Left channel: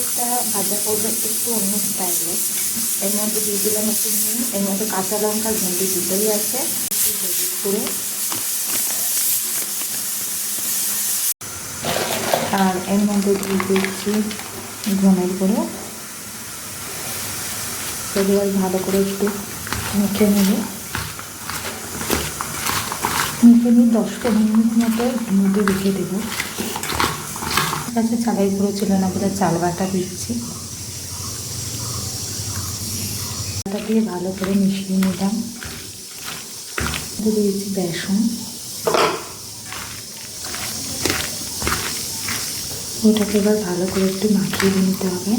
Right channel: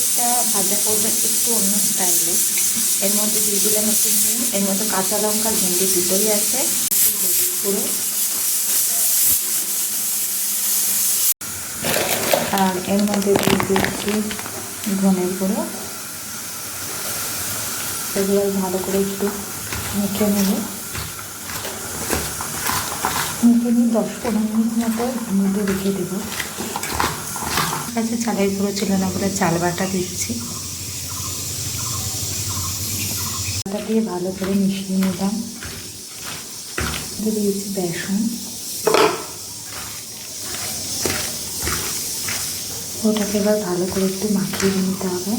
এটা ভাজা করবে একটু অন্য স্টাইলে। এর মধ্যে দিয়ে দিলাম একটু নুন, এর মধ্যে কাঁচা লঙ্কা, ভেন্ডি দুটোই আছে। আর এর মধ্যে দিয়ে দিচ্ছি ধনের গুঁড়ো। সেগুলো ভালো করে একটু মুখে নেবে। মুখে নিয়ে দশ পনেরো মিনিট মতো মুখে রেখে দেবো। কাছে চালের গুঁড়ো ছিল না বলে চাল বাটা দিচ্ছি। বাটা দিয়ে ভালো করে মিশিয়ে নিলাম। দিয়ে দিয়েছি বেসন। ওটাকে এবার ভালো করে একটু মাখিয়ে নিতে হবে।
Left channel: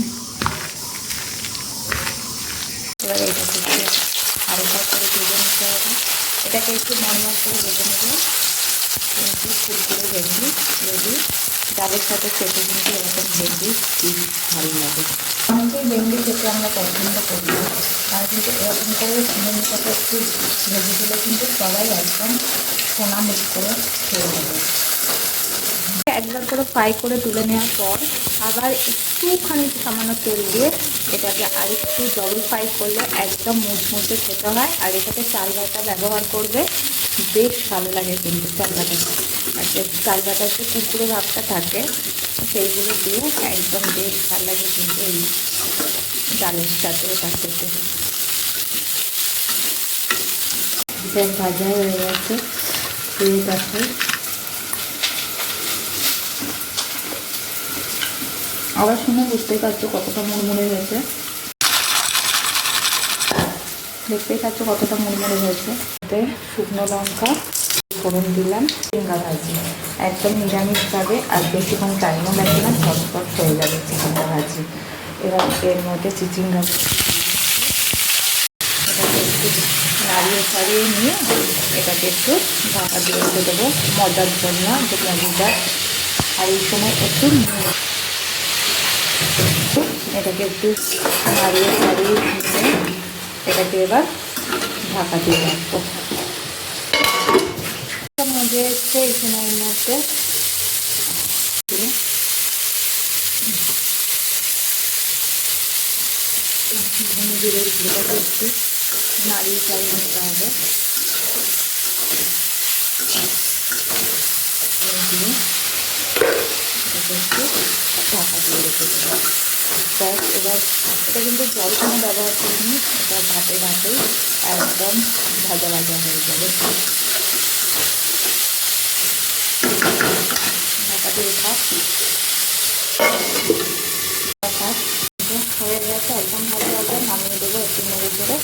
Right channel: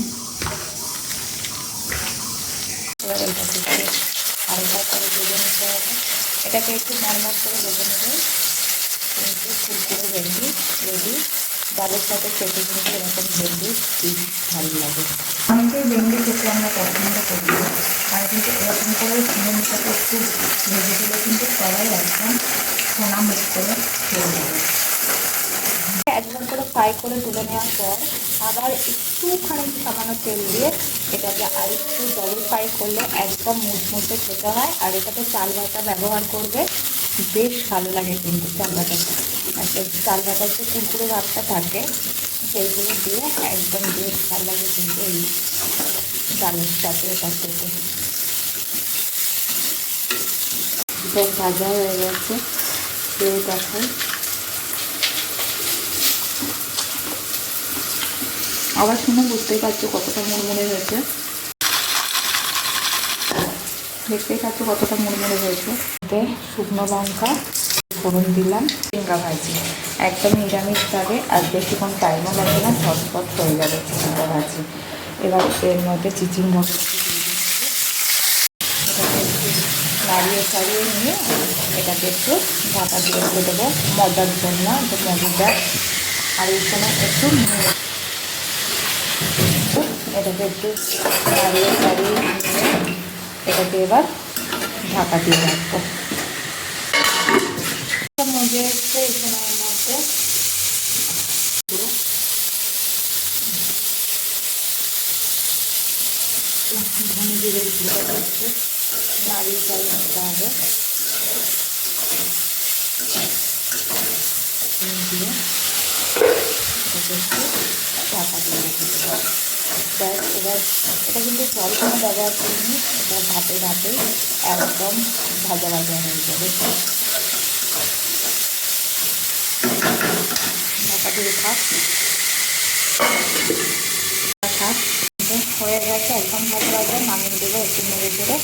এবার এটাকে একটু করে ভেজে নিতে হবে। এটাকে একটু নর্মাল করে ভেজে নেবে। কিন্তু ফুলকুড়ো ভেন্ডি রেডি। ডালের সাথে খেতে কিন্তু এরকম ভেন্ডি খুব ভালো লাগে। অনেকেই ভেন্ডি খেতে আমরা পছন্দ করি আর কিন্তু এরকম করে ভেন্ডিটাকে একটু ভেজে দিলে কিন্তু সবাই একদম সোনা মুখ করে খেয়ে যাবে একবার করে ফ্রাই করে তুলে নেওয়ার পর আবার একটুখানি সামান্য তেল দিয়ে এটাকে আরেকটু ডবল ফ্রাই করলে একদম মুচমুচে খেতে হয় আর এটাতে চাল বাটা ব্যবহার করবে। বেশ ভালো লাগে কিন্তু চাল বাটাতে আর সেই চাল বাটার যে কুকুরে ভাবটা থাকে, সেইগুলো দিয়ে একদম বেশ ভালো লাগে কিন্তু এই ডালের সাথে এটা খেতে। এটা ভাজা হয়ে গেছে খেয়ে দেখাই আবার শুনে বুঝতেই পারছ কতটা মুড়মুড়ে হয়েছে। দেখতেই পাচ্ছ কতটা মুড়মুড়ে হয়েছে। এতে শুকনো লঙ্কা, ফোড়ন দিলাম চিংড়া ভাজি। একদম নিরামিষ নিরামিষভাবে আর বেশিক্ষণ টাইমও লাগে না, ঝটপট হয়ে যাবে চিচিঙ্গা ভাজি। এবার এর মধ্যে চিচিঙ্গা এটাকে নাড়িয়ে ছাড়িয়ে নিয়ে এটাকে একটু ঢাকা দিয়ে রেখে দেবো মজার জন্য, যে মজাদার আর এই সময় একটু এটাকে একটু নাড়িয়ে ছাড়িয়ে নিয়ে এটাকে এবার ঢাকা দিয়ে রাখব মজে হচ্ছে এখানে এর মধ্যে ধনে জিরের গুঁড়োটা একটু নাড়িয়ে চাড়িয়ে নিতে হবে দিয়ে এটাকে একটু ঢাকা দিয়ে রেখে দেবো ব্যাস এবার এটা কিন্তু জল কোনো ব্যবহার করিনি, এটা ভাতে ভাপেই একদম ভাজা ভাজা হয়ে যাবে। ঢাকা দিয়ে থাক হয়ে গেছে, একদম ভাজা লাগবে নামিয়ে দেবো একটু মেরে চেড়ে।